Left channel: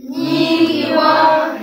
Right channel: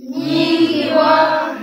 Nikiwa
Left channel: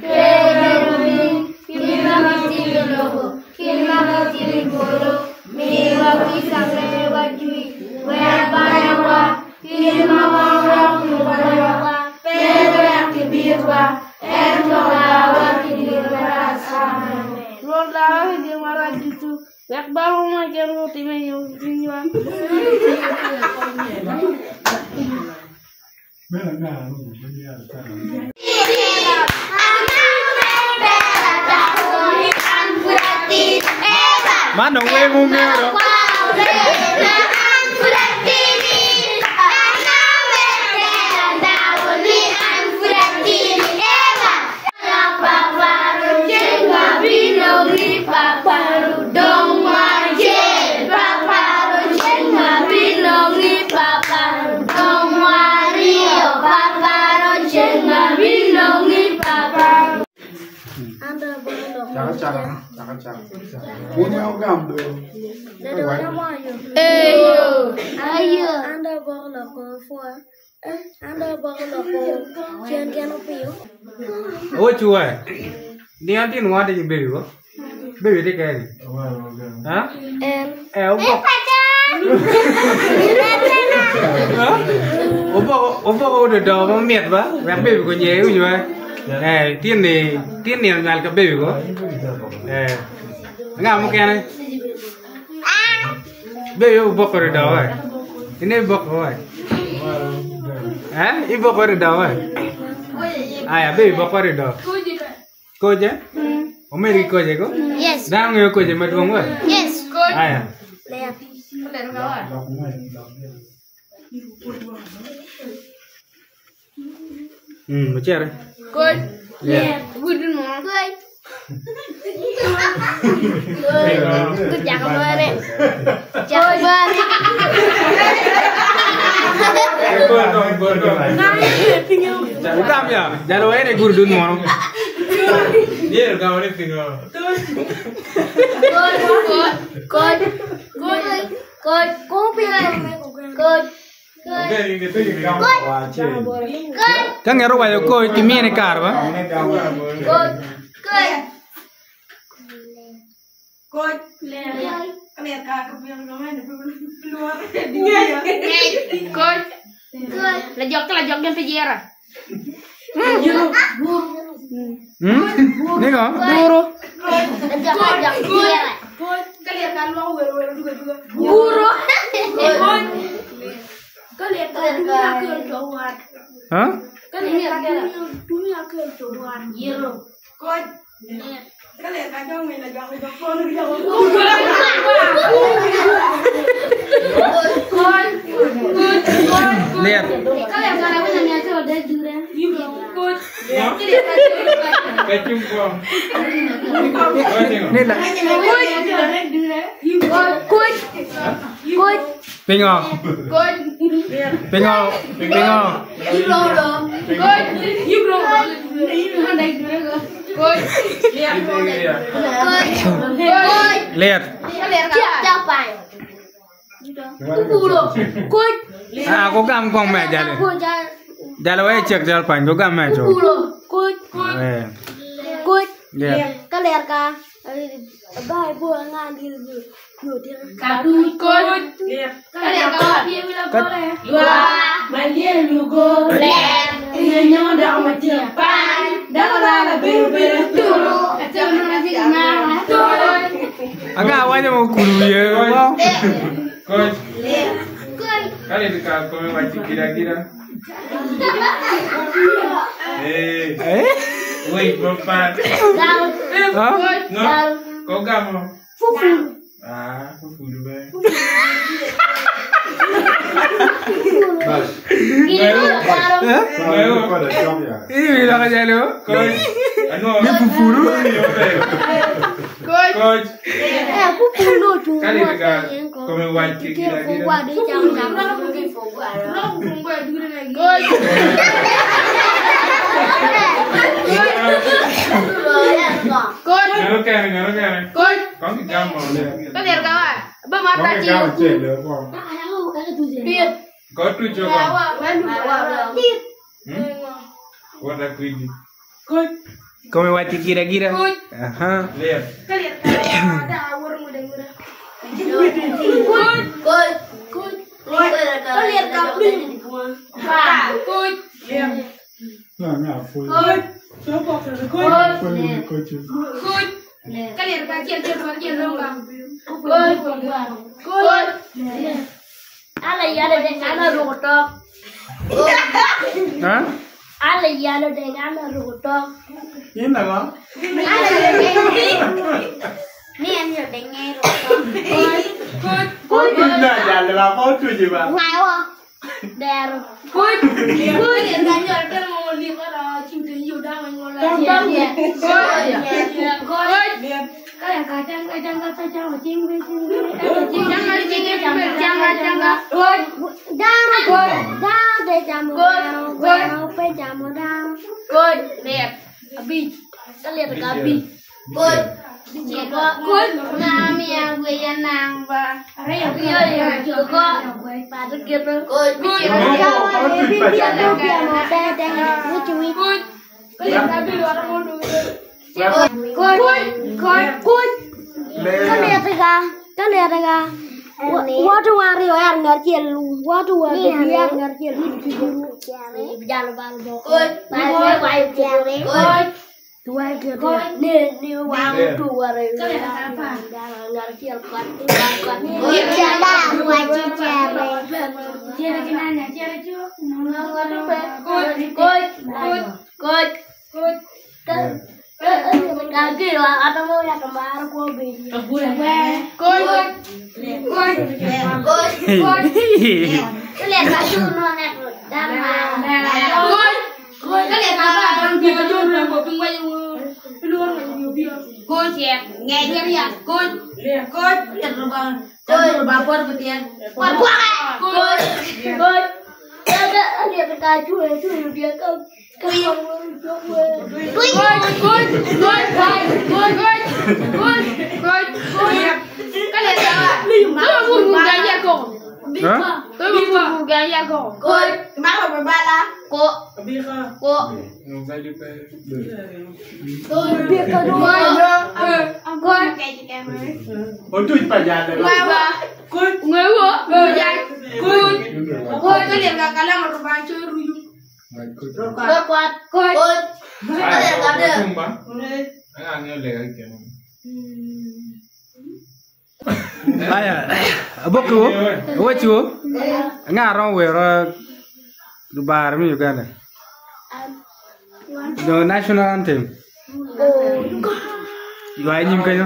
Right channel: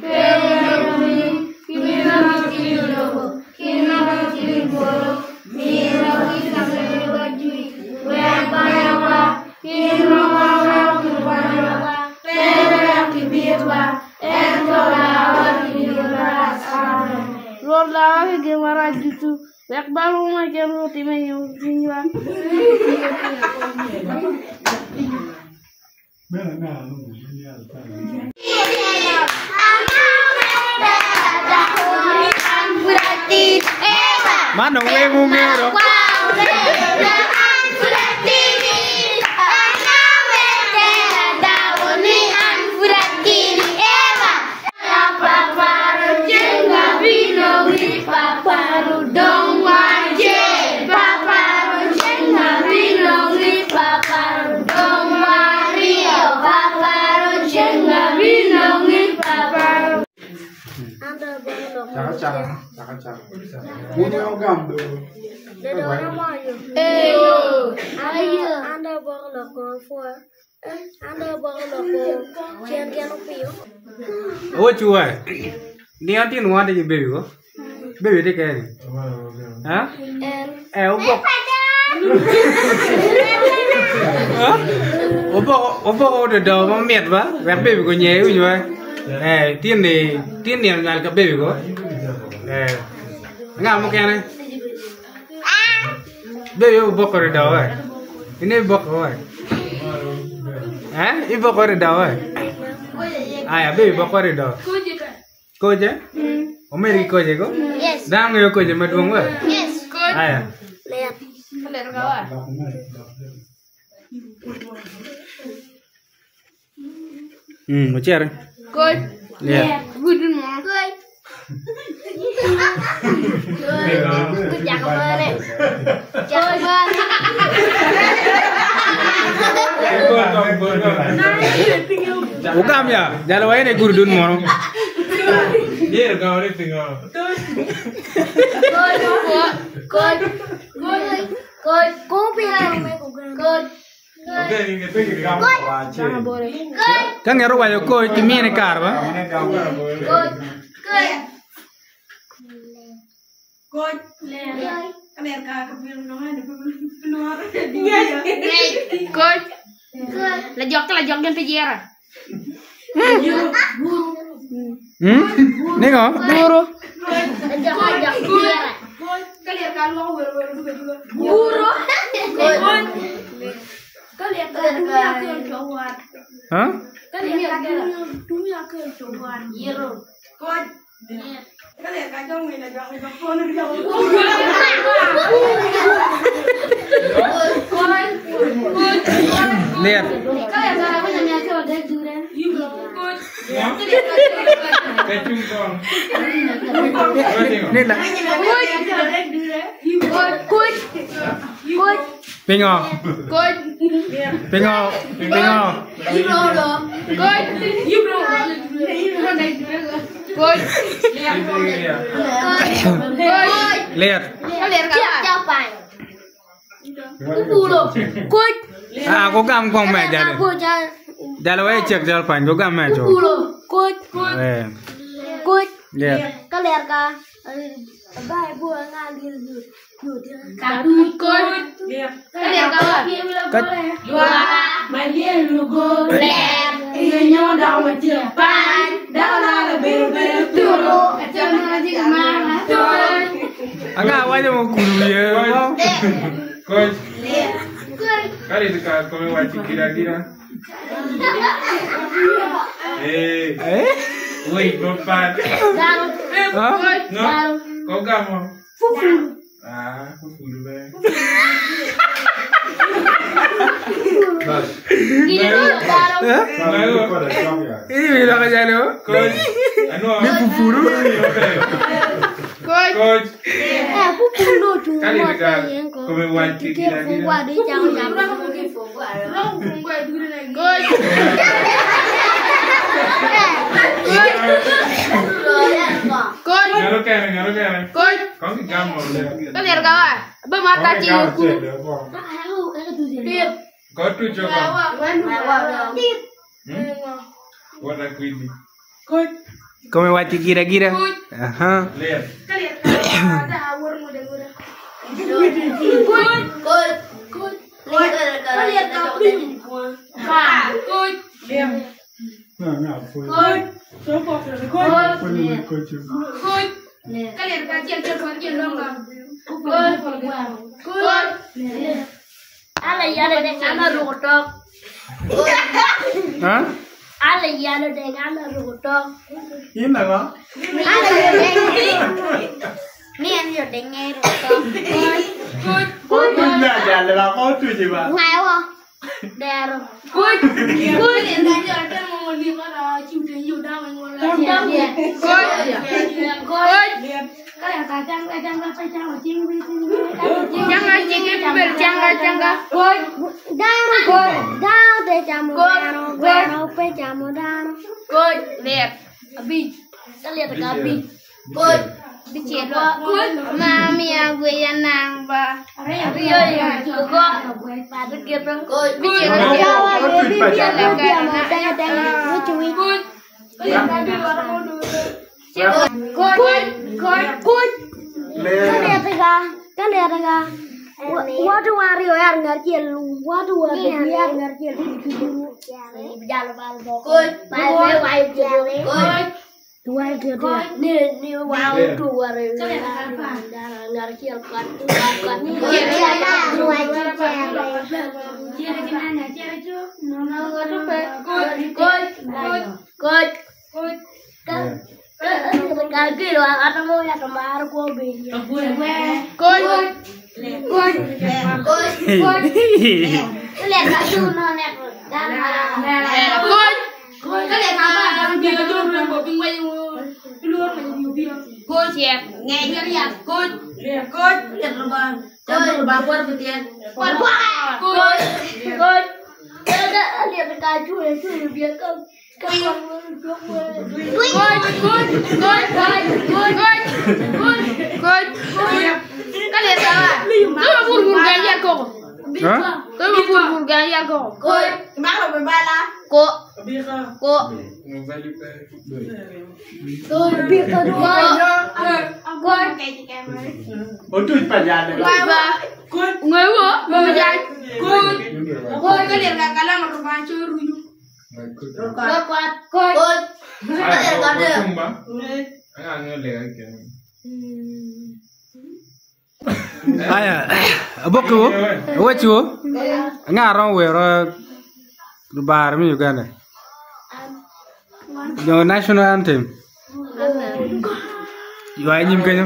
Keremi Kimimatiloho Kimimatiligoro Miwa Kisamewa Jui Webanawa Kimawawa Kumbayawa Pere Akibirwa Entorawa Kinyogarasa Rola Gemara Jutu Yakbaru Magero Timayo Kinwa Mana gue ngomel dong? Jangan. Punya gambar. Ada orang mayu. Ayo. Anda bawa kau. Anda bawa kau. Kian opio. Oh cuy. Ni nanti nuan aja baby ko. Baby deh kayak ni. Hah? Opa udah dah mau miat ba? Baby ko nyewa juga. Tian ni ngal ke baby ko. Enggak mau kene. Baby bok kore dawa. Ini bok kore. Ibu kore dawa. Ayah baby bok kore dawa. Koje? Omeri koje ko? Yes. Dang yo koje madung wa? Yes. Ayah. Lihat. Macam Koi. Lihat. Gudun mau. Koi. Jangan balik. Jangan balik. Bukan ya, jangan wae nih gurdun mau. Iya, kau ini tinggal. Kan ngero wae ko kimi ne kar ba. Lajok dan penjara. Nih kok? Buru. Lajok penjara. Kalian kalau juga. Buru. Kalian dunia kejauhan. Hah? Kalian dunia kejauhan. Iya. Kod. Kalian kacau main lajak phone jauh. Lihat. Kalian kalau punya meja udah durian. Kod. Kecung kong. Nih lah. Kod. Pingo. Kod. Pingo. Ibro dong. Kod. Ibro. Kod. Lihat. Siapa? Kulo. Kod. Aku gam kong me jale. Jale wae cek jal pan ko gam me jo. Kulo. Kod. Kod. Lihat. Kalian ka bye buat ngambil dia. Satu kod. Kalian ka dia bilang boleh. Dua. Malia lugo. Ini nyodang macam dah lebih turu. Jangan masih marah. Agak awalnya mau guru ya. Wow. Coach. Kali dekat kau wajib kira-kira. Woi, berempat. Hah? Kau gak mau? Fufu. Fufu dulu. Gini dulu, Ini bilang aja lo. Coach. Ini fufu dulu. Coach. Fufu dulu cuma. Kali dekat kau wajib kira-kira. Ngaruh kan? Kau di kamar. Kalian kawan, bermata Kau cium. Kau tu coba. What a queen. Come wachi kira-kira. Lihat. Kalian ada awur muda-muda. Good. Kalian kabin. Good. Kalian bagian longgang. Good. Ala yana dengan rotok. Hah? Ala yana dengan rotok. Ini apa? Ala ni yang dengan rotok. Good. Enggak jalan apa tuh coba? Ngawa. Dero. Good. Kalian ganjal kan mau lihat ada cinta yuda mengolah. Good. Kalian kacang cinggi. Good. Lihat. Abi. Lihat Abi. Good. Good. Mami yang gue yang nambah. Iya. Kok pada gitu. Good. Good. Kalian tadi orang mau dulu. Good. Kan lihat enggak? Waduh Mario yang ngerti lu. Waduh biar ngerti lu dulu. Jangan balik. Good. Good. Dua gitu. Nih wow dua ngerti kan. Good. Kaki lo, atau mau ya kembar gua beli. Good. Lihat baju nonet. Good. Kalian apa? Orang dia baju yang boping baju keluar baju dia. Good ya. Ngejar ya. Good. Lihat lubang. Good. Baper butian. Good. Ada lihat baju itu dia kau. Good. Kalian salah. Kamu gaya kok. Kamu gaya kok. Good. Kenapa berbala? Kok. Nobody pay. Good. Oh tuh pajadan. Good. Kalian gak kalah merupakan curu. Kuat. Kalian gak ada. Enggak lihat kan. Aya, abok ko, wacho, nga ron wero bar mi Uganda. The national anthem. Gua nyim kanyo.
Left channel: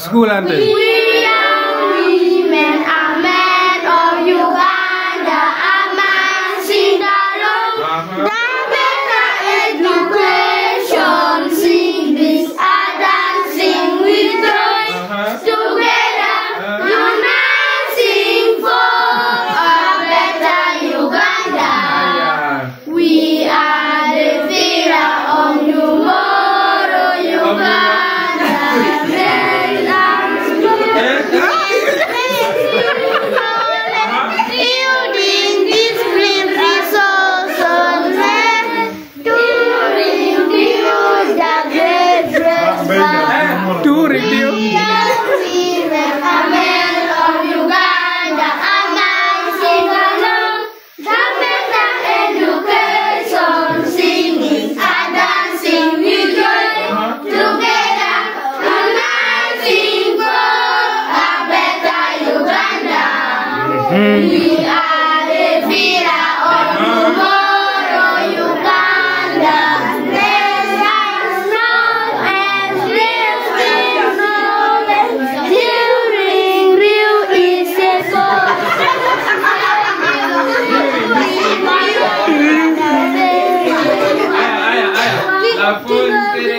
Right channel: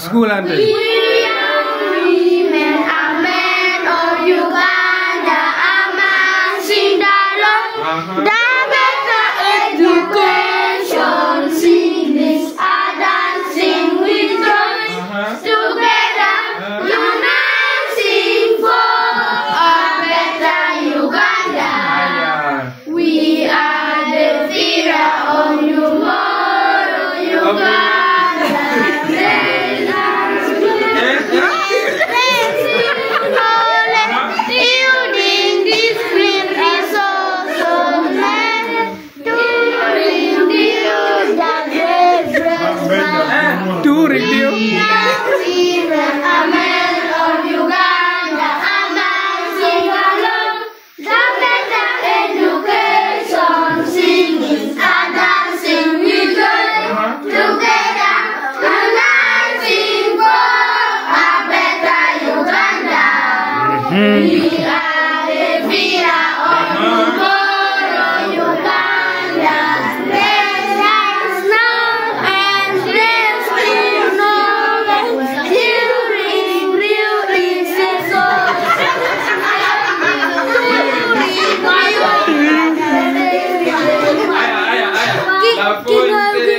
School anthem. We are women, a man of Uganda, a man sing the love, the better education, sing this, a dancing with joy, together, uniting for a better Uganda. We are the fear of tomorrow, Uganda.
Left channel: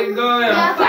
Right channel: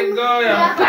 go ya.